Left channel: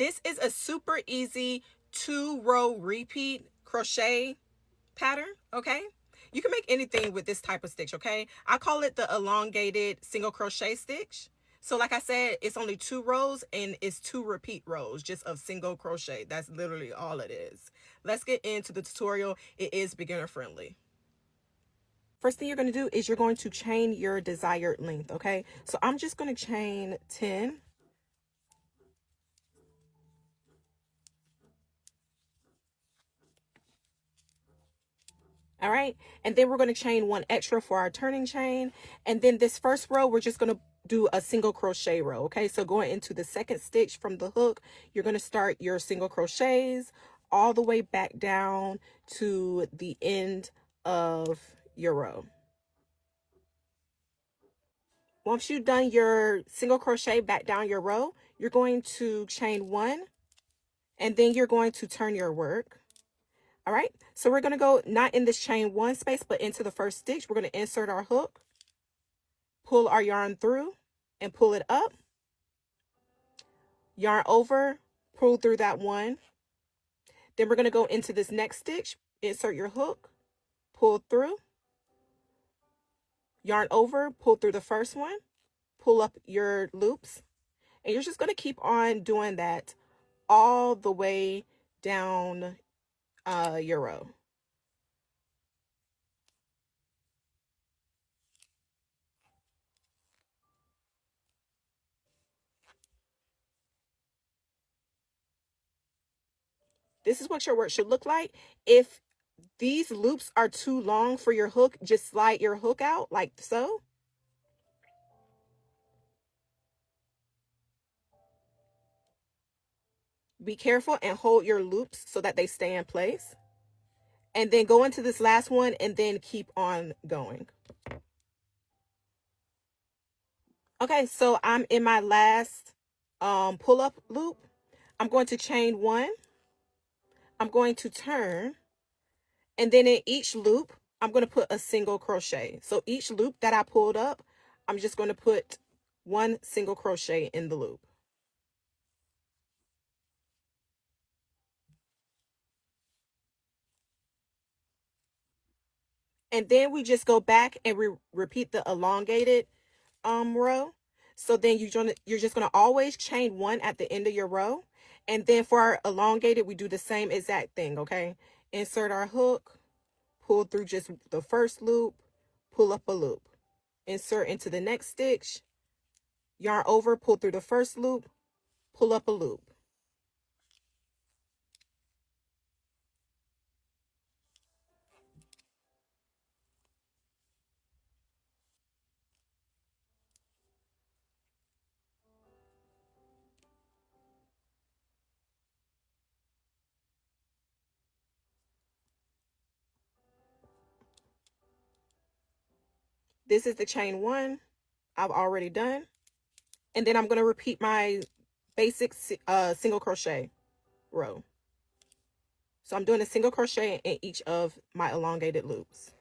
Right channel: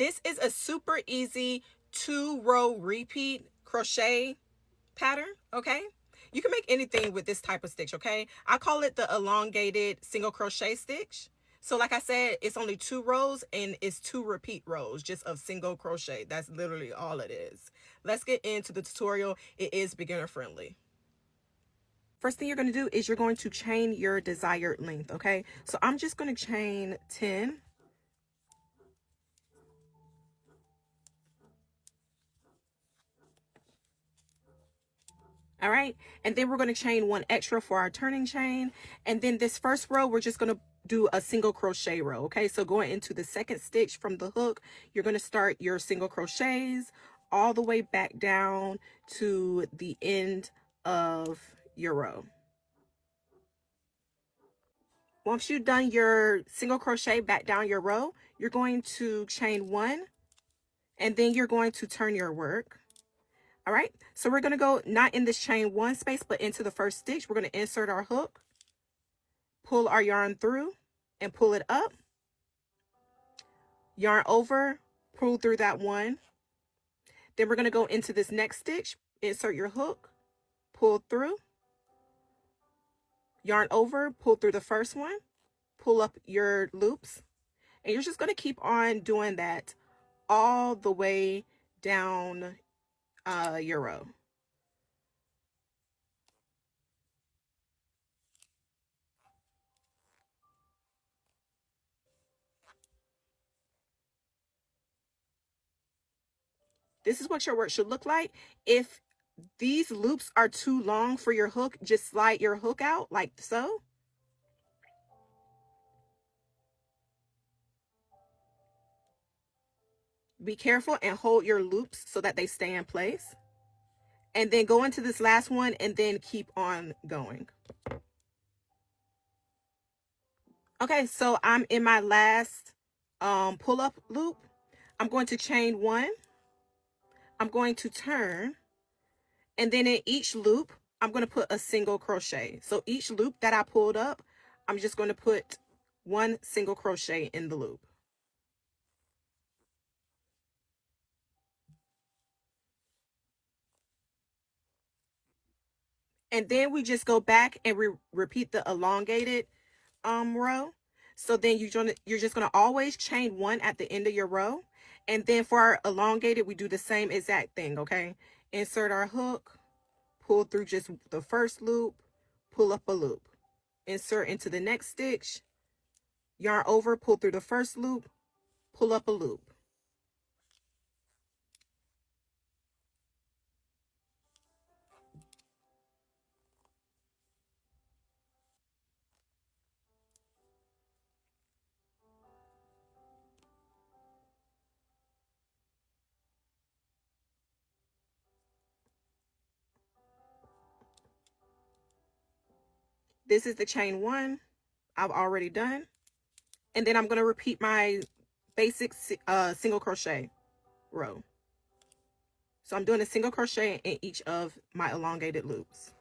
This is a super easy 2-row repeat crochet pattern, okay? You can make anything with this type of stitch, okay? I call it the elongated single crochet stitch. So like I said, it's only 2 rows and it's 2 repeat rows just of single crochet. That's literally all it is. Let's get into the tutorial. It is beginner friendly. First thing you're going to do is you're going to chain your desired length, okay? So I'm just going to chain 10. All right, and then we're going to chain 1 extra for our turning chain, and then this first row we're just going to do a single crochet row. Okay, so going into the second stitch from the hook, you're going to start your single crochets all the way back down to the end of your row. Once you've done your single crochet back down your row, you're going to chain 1, and then you're going to turn your work. All right, so we're going to go not in this chain 1 space, but into the first stitch. We're going to insert our hook, pull our yarn through and pull it up, yarn over, pull through that 1. Then we're going to go into this next stitch, insert your hook, pull through, yarn over, pull through the first one, pull up your loops, and you're just going to keep on doing that all the way down your row. This is what your work should look like. If these loops are too long for your hook, just slide your hook out like so. Be careful and hold your loops so that they stay in place. And then go into this last one and then keep on going. Okay, so I'm in my last pull-up loop. I'm going to chain 1. I'm going to turn. And then in each loop, I'm going to put a single crochet. So each loop that I pulled up, I'm just going to put 1 single crochet in the loop. And then we just go back and repeat the elongated row. So then you're just going to always chain 1 at the end of your row. And then for our elongated, we do the same exact thing, okay? Insert our hook, pull through just the first loop, pull up a loop. Insert into the next stitch, yarn over, pull through the first loop, pull up a loop. This is the chain 1 I've already done. And then I'm going to repeat my basic single crochet row. So I'm doing a single crochet in each of my elongated loops.